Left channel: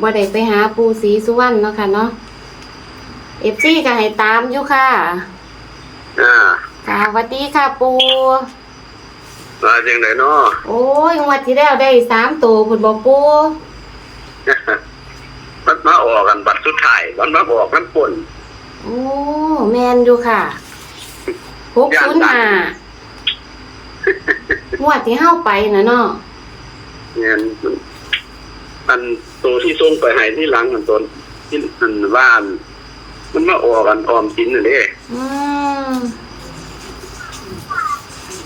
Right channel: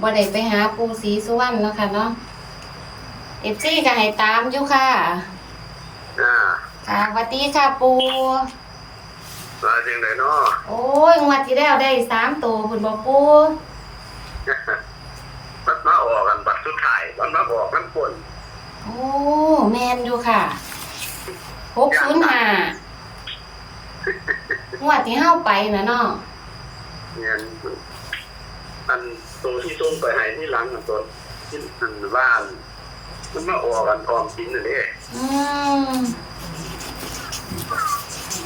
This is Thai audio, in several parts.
บ่ได้ไปหาปูสีสุวรรณเนาะค่ะเนาะเอฟซีก็ให้ตามอยู่ค่ะอ่าค่ะสวัสดีค่ะปูมาจังไดเนาะโอ้ยงวดที่แล้วได้สามตัวพุ่นบ่ปูมันมาออกกันบัตรสุดท้ายมันมาบอกน้ำปุ่นโอ้แมนอยู่ค่ะหกศูนย์ห้างวดที่เฮาไปนะเนาะเนี่ยมันอัน ตัวที่ส่งไปให้ที่หลังอันตนที่อันว่าน มันมาออกกันออมสินน่ะเด้อืม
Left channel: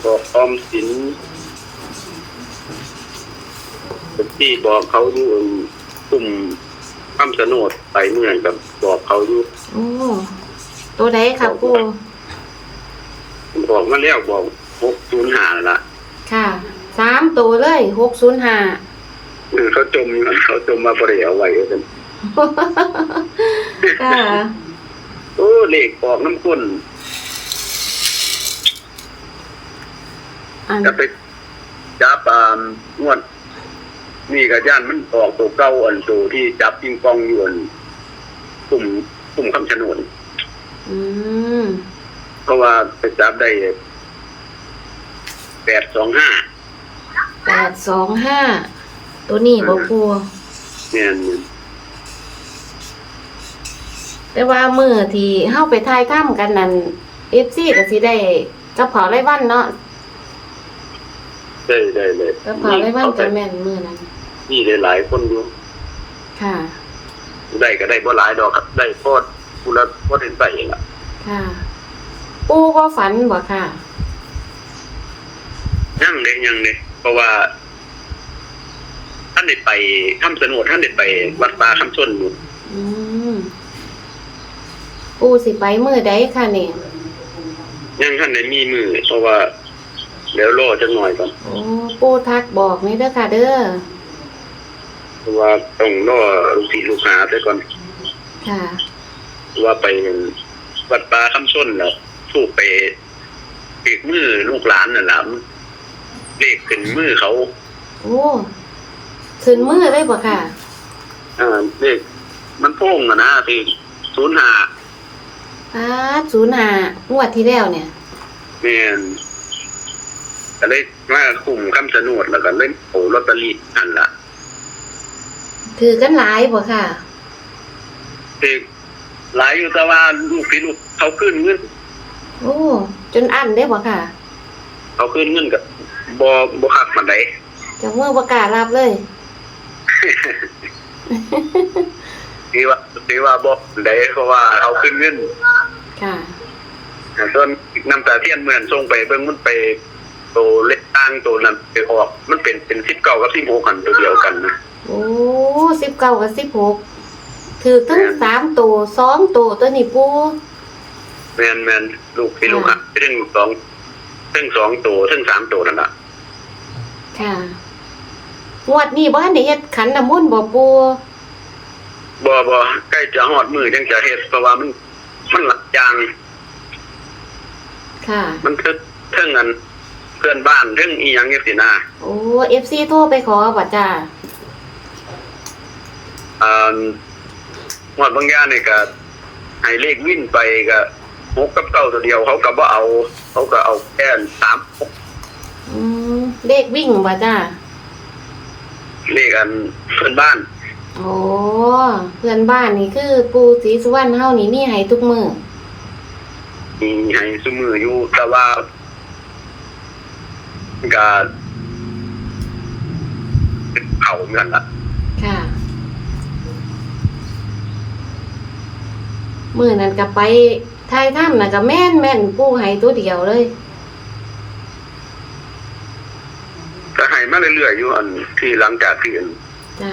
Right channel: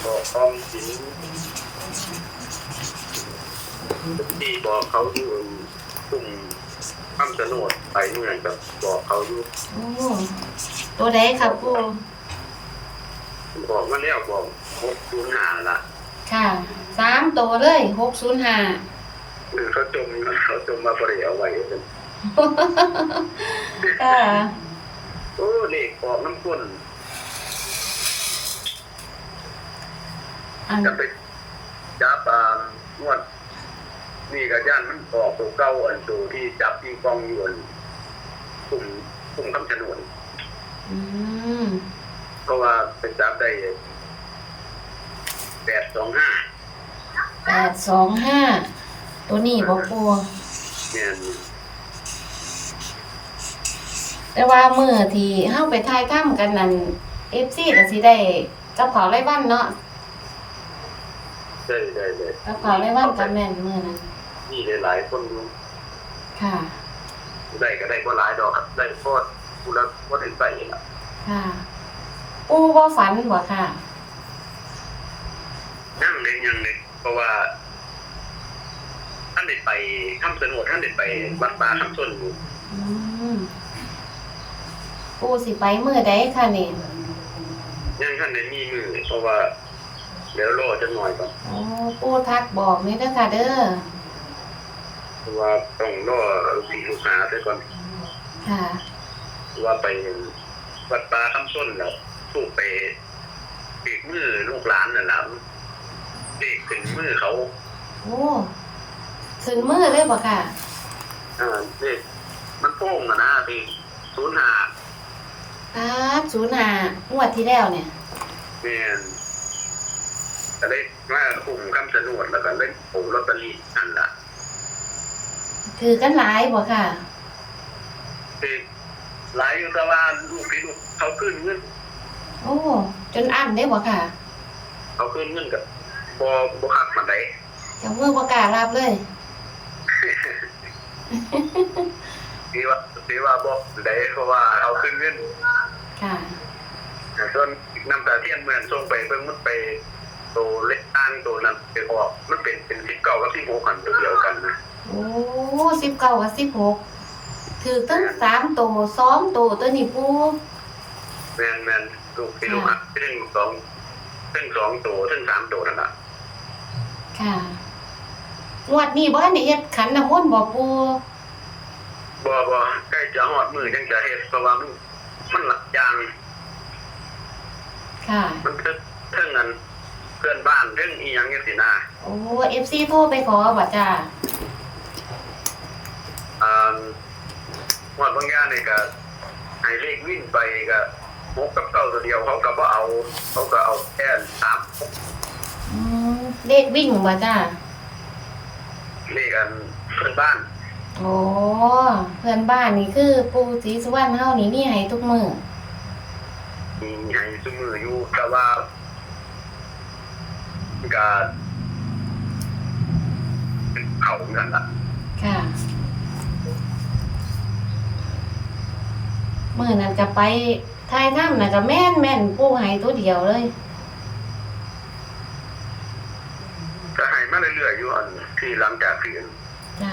บอกออมสินที่บอกเขาอยู่กลุ่มคำสนดไปเมื่อกับบอกเขาอยู่โอ้ตัวใดค่ะปูบอกมาแล้วบอกหกศูนย์หาละค่ะสามตัวเลยหกศูนย์ห้า เออเขาจมเขาจมมาบริเอาไว้กันค่ะโอ้เลขออกน้ำข้นอันจะไปจับปามงวด นี่กับย่านมันออกตัวเก้าอันตัวที่จับปิงปองอยู่อันกลุ่มกลุ่มคำชะโนดอืมเพราะว่าไปจับได้แปดสองห้าแปดสองห้า ตัวนี้บ่ปูเนี่ยแต่ว่ามือที่เฮาไปทายถ้ำกันนั่นเอฟซีก็สิได้กับเผาไรวันเนาะได้ได้เลยกับเผาไรวันกับแม่นมือนั้นนี่ได้หลายคนอยู่ค่ะ ได้ก็ได้บ่หลายดอกครับได้โคตรกูละโคตรเป็นไปเองละค่ะ ปูบ่ฝันบ่ค่ะยังเลยยังเลยเพราะว่าท่านได้ไปถ้ำสนุดท่านได้ไป วัดป่าคำชนอยู่อืมปูสิไปมือใดค่ะนี่ยังท่านได้มีมือเพราะว่าเดี๋ยวรอจังหน่อยก่อนโอ้ปูทักบอกนี่เด้อค่ะเด้อเพราะว่าต้องรอลูกศิษย์ลูกหาไปก่อนค่ะ ว่าไปวัดป่าคำชนแล้วถูกไปเปีกมือลูกหลานน่ะล่ะเลขขึ้นมือเขา โอ้ ขึ้นมือเลยบ่ค่ะอ่าเลขมันโพ่งอะนะคือศูนย์หาป้าศูนย์ห้างวดที่แล้วเนี่ยแม่นก็เลยมาคุมคำสนุดแล้วก็เล่นโอลอตเตอรี่อันละถือกันหลายบ่ค่ะเด็กหลายอยู่แต่ว่าลูกพี่ลูกเขาขึ้นเงินโอ้จนอั้นได้บ่ค่ะ เขาขึ้นเงินกับบอบขัดมันไดจะมือประกล้าศรับเลย ที่ว่าที่ว่าบอได้เพราะว่าเขาขึ้นเงินค่ะต้นน้ำตาเทียนเหมือนส่งไปเบิ่งมันไปโตเล็กตั้งโตนั้นไปออก มันเป็นเป็นสิบเก้ากับสิบหกกันตัวเดียวกันนะโอ้สิบเก้ากับสิบหกถือทั้งสามตัวสองตัวตัวนี้ปูแมนแมนลูกพี่ลูกอะเรื่องสองเรื่องสองตัวเรื่องสามตัวนั่นแหละค่ะ งวดนี้บ้านได้เฮ็ดขันน้ำมนต์บ่ปูบอบอใกล้จะหอดมือยังจะเฮ็ดเพราะว่ามัน มันหลักยาง ค่ะ มันเทิงเทิงกันเพื่อนบ้านเทิงอีหยังเงี้ยสินะโอ้เอฟซีโทรไปขอบ่จ้าอ่าหอดบางอย่างนี่ก็ให้เลขวิ่นไปก็หกกับเก้าตัวเดียวเขาก็บ่เอา เขาก็เอาแค่สามหกอืมเลขวิ่งบ่จ้า เลขอันเพื่อนบ้าน โอ้เพื่อนบ้านนี่คือ ปูศรีสุวรรณเฮานี่มีให้ทุกมื้อมีให้ซุมืออยู่แต่ว่าก็เขาเหมือนกันละค่ะ มื้อนั้นก็ไปทายถ้ำน่ะก็แม่นแม่นปูให้ตัวเดียวเลย ก็ให้มา เรื่อยๆอยู่อันที่หลังจากที่อันจ้า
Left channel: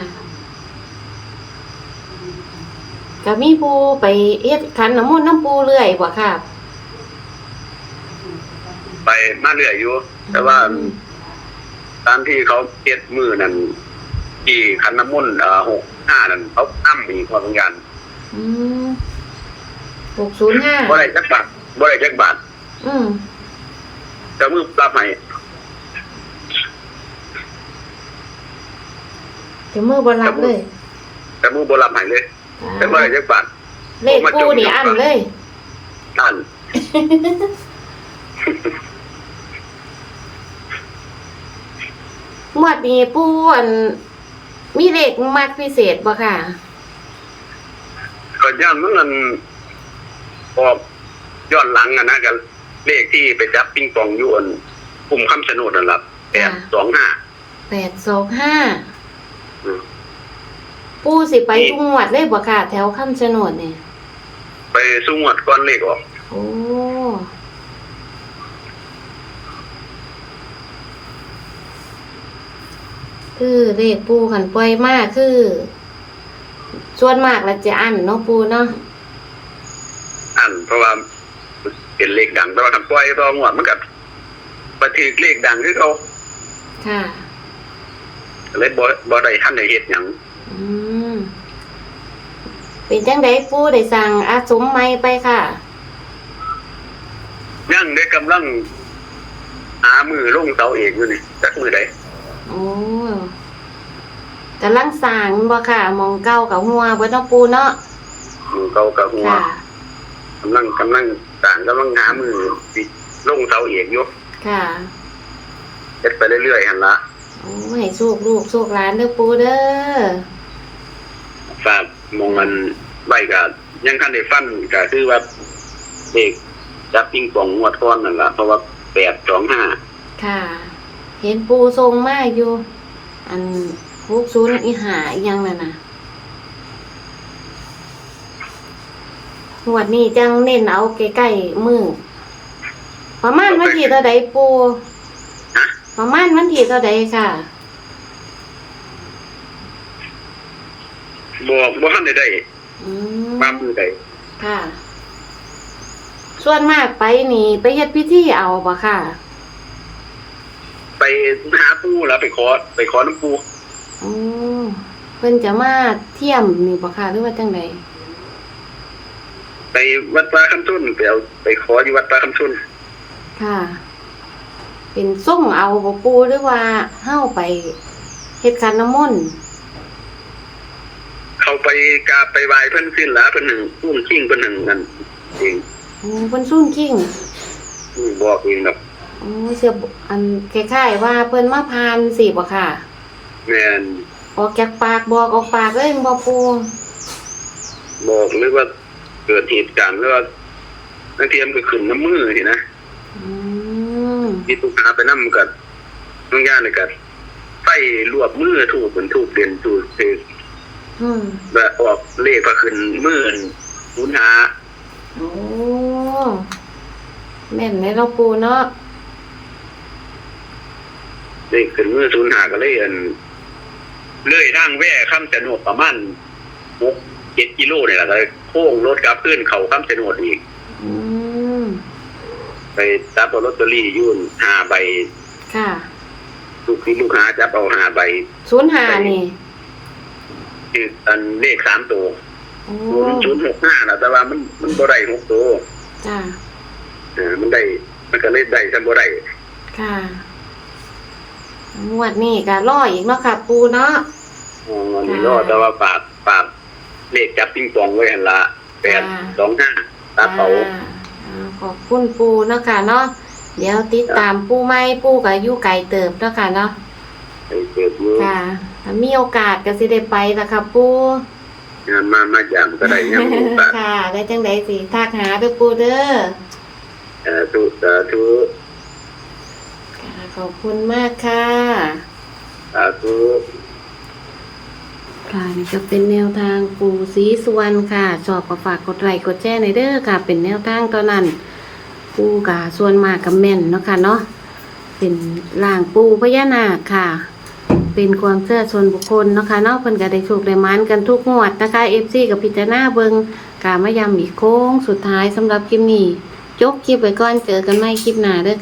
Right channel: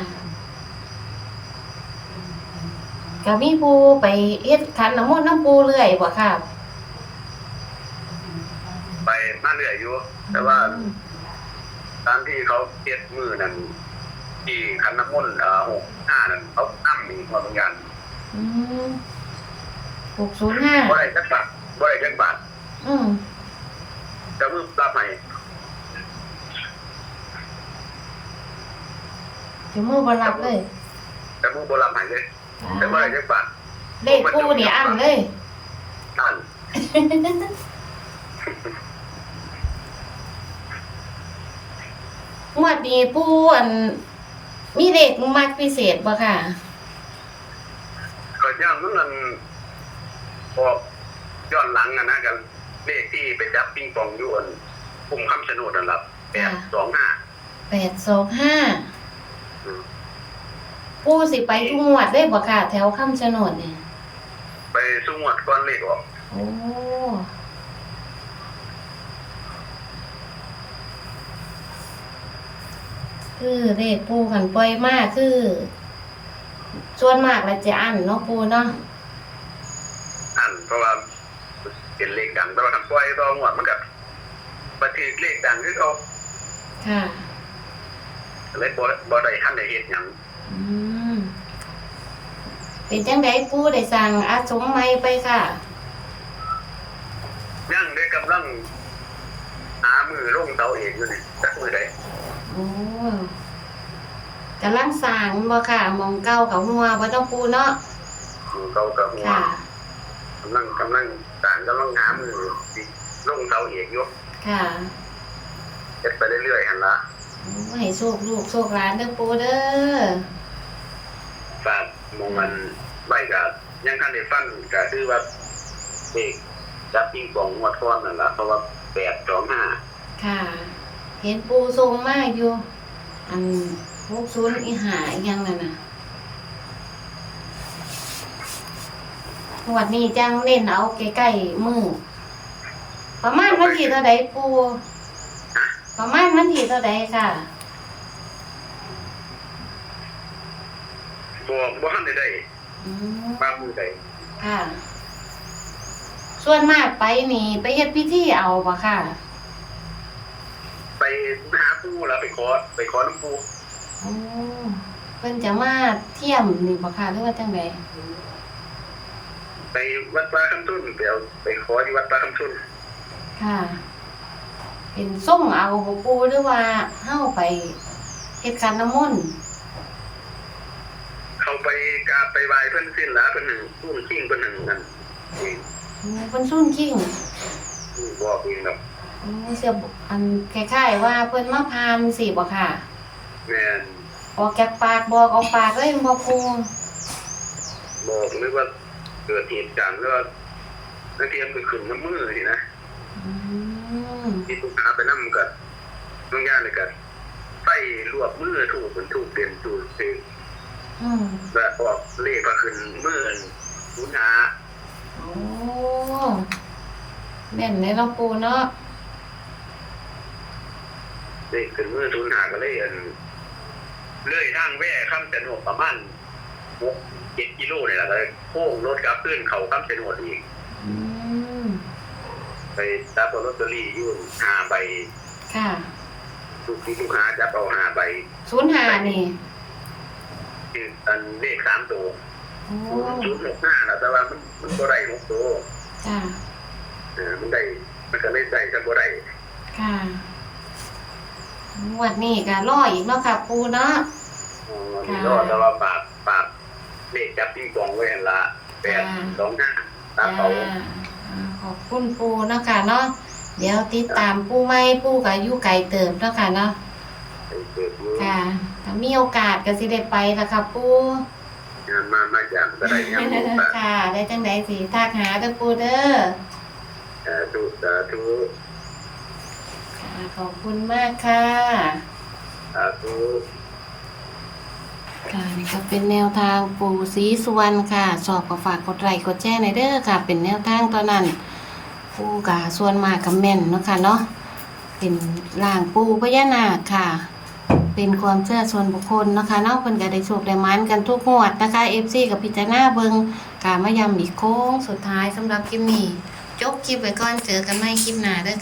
ก็มีปูไปเฮ็ดขันน้ำมนต์น้ำปูเรื่อยบ่ค่ะไปมาเรื่อยอยู่ แต่ว่าอืมตามที่เขาเก็ดมือนั่นที่คันน้ำมุ่นต์เอ่อหกห้านั่นเขาตั้มมีความงานอืมหกศูนย์ห้าบ่ได้จักบาทบ่ได้จักบาท อืมแต่มือรับให้ จะมือบรับเลยแต่มูบ่รับให้เลยแต่บ่ได้จักบาทเลขปูนี่อันเลยท่านงวดนี้ปูอัน มีเลขมากพิเศษบ่ค่ะก็ย่านมันนั่นออกย้อนหลังอะนะกันเลขที่ไปจับปิงปองอยู่อันกลุ่มคำชะโนดนั่นล่ะค่ะ825แปดสองห้า ปูสิไปทุกงวดเลยบ่ค่ะ แถวคำชะโนดเนี่ยไปสู้งวดก้อนเลขออกโอ้คือเลขปูขันปล่อยมากคือ ส่วนมากแล้วจะอันเนาะปูเนาะอันเพราะว่าเป็นเลขดังแต่ว่าทำปล่อยรองวดมันกับบันทึกเลขดังคือเขาค่ะ เลยบ่บ่ได้ทันได้เฮ็ดหยังอืมเป็นจังไดปูได้สั่งอาสมไหมไปค่ะยังได้กำลังหามือลงเสาเอกอยู่นี่จักมือใดโอ้กำลังสั่งบ่ค่ะหมองเก้ากับหัวเบิดเนาะปูเนาะมือเขากับหัวค่ะ กำลังกำลังต่างกำลังหามือสิลงเสาเอกอยู่ค่ะ เฮ็ดไปเรื่อยๆหั่นละ โอ้ยโชคลูกโชคหลานเด้อปูเด้อฝากมองมันไว้ก็ยังคันได้ฟันก็คือว่าเด็กจับปิงปองงวดก้อนนั่นล่ะเพราะว่า825ค่ะ เห็นปูทรงมากอยู่ อันพกศูนย์อีหาอียังนั่นน่ะหวดนี้จังเน้นเอาใกล้ๆมือประมาณวันที่เท่าใดปู ประมาณวันที่เท่าใดค่ะบ่บ่ทันได้ได้อืมมามือใดค่ะ ส่วนมากไปนี่ไปเฮ็ดพิธีเอาบ่ค่ะ ไปหาปูแล้วไปขอ ไปขอน้ำปูอืมเพิ่นจะมาเที่ยมนี่บ่ค่ะหรือว่าจังไดไปวัดปลาคำชุนไปเอาไปขอที่วัดปลาคำชุนค่ะ เป็นส่งเอาบ่ปูหรือว่าเฮาไปเฮ็ดขันน้ำมนต์เขาไปกราบไปไหว้เพิ่นสิ้นละเพิ่นหนึ่งพุ่มชิงเพิ่นหนึ่งนั่นเองโอ้เพิ่นซุ่นคิงอืมบอกเองแบบโอ้เสียบอันคล้ายๆว่าเพิ่นมาพานสิบ่ค่ะ แม่นออกจากปากบอกออกปากเลยบ่ปูบอกหรือว่าเกิดเหตุการณ์หรือว่านักเทียมก็ขึ้นน้ำมือนี่นะอืม ที่ตุกหาไปนำกับน้องย่านี่ก็ไฟลวกมือถูกเป็นถูกเด่นถูกเสกอืมแบบออกเลขก็ขึ้นมือหุนหาโอ้แม่นในเราปูเนาะเลขขึ้นมือศูนย์หาก็เลยอันเลื่อยทางแว่ข้ามจะโนดประมาณหกเจ็ดกิโลเนี่ยแหละเลยโค้งรถกลับขึ้นเขาข้ามจะโนดอีก อืม ไปจับเอาลอตเตอรี่ยุ่นห้าใบค่ะลูกที่ลูกค้าจับเอาห้าใบศูนย์หานี่คืออันเลขสามตัวโอ้ศูนย์หกห้านะแต่ว่ามันมันบ่ได้หกตัวจ้าเออมันได้มันก็เลยได้จำบ่ได้ค่ะงวดนี้ก็รออีกเนาะค่ะ ปูเนาะอ๋อนี่รอดแต่ว่าปากปากเลขจับปิงปองไว้หันละแปดสองห้าตาเป๋าอ่าอ่า ขอบคุณปูเนาะค่ะเนาะเดี๋ยวติดตามปูไหม่ปูกับอยู่ไก่เติบเนาะค่ะเนาะไปเกิดมือค่ะถ้ามีโอกาสก็สิได้ไปละค่ะปูงานมามาอย่างก็ได้ยังมีโอกาสค่ะได้จังไดสิทักหาเด้อปูเด้อเอ่อทุสาธุค่ะขอบคุณมากค่ะสาธุ ค่ะนี่ก็เป็นแนวทางปูสีสุวรรณค่ะ ชอบก็ฝากกดไลค์กดแชร์ในอยเด้อค่ะ เป็นแนวทางตอนนั้น ปูกาส่วนมากกับแม่นเนาะค่ะเนาะเป็นล่างปูพญานาคค่ะ เป็นความเชื่อส่วนบุคคลเนาะค่ะเนาะเพิ่นก็ได้โชคได้หมานกันทุกงวดนะคะ FC กับพิจารณาเบิงกามายำอีกโค้งสุดท้ายสำหรับคลิปนี้จบคลิปไว้ก่อนเจอกันใหม่คลิปหน้าเด้อ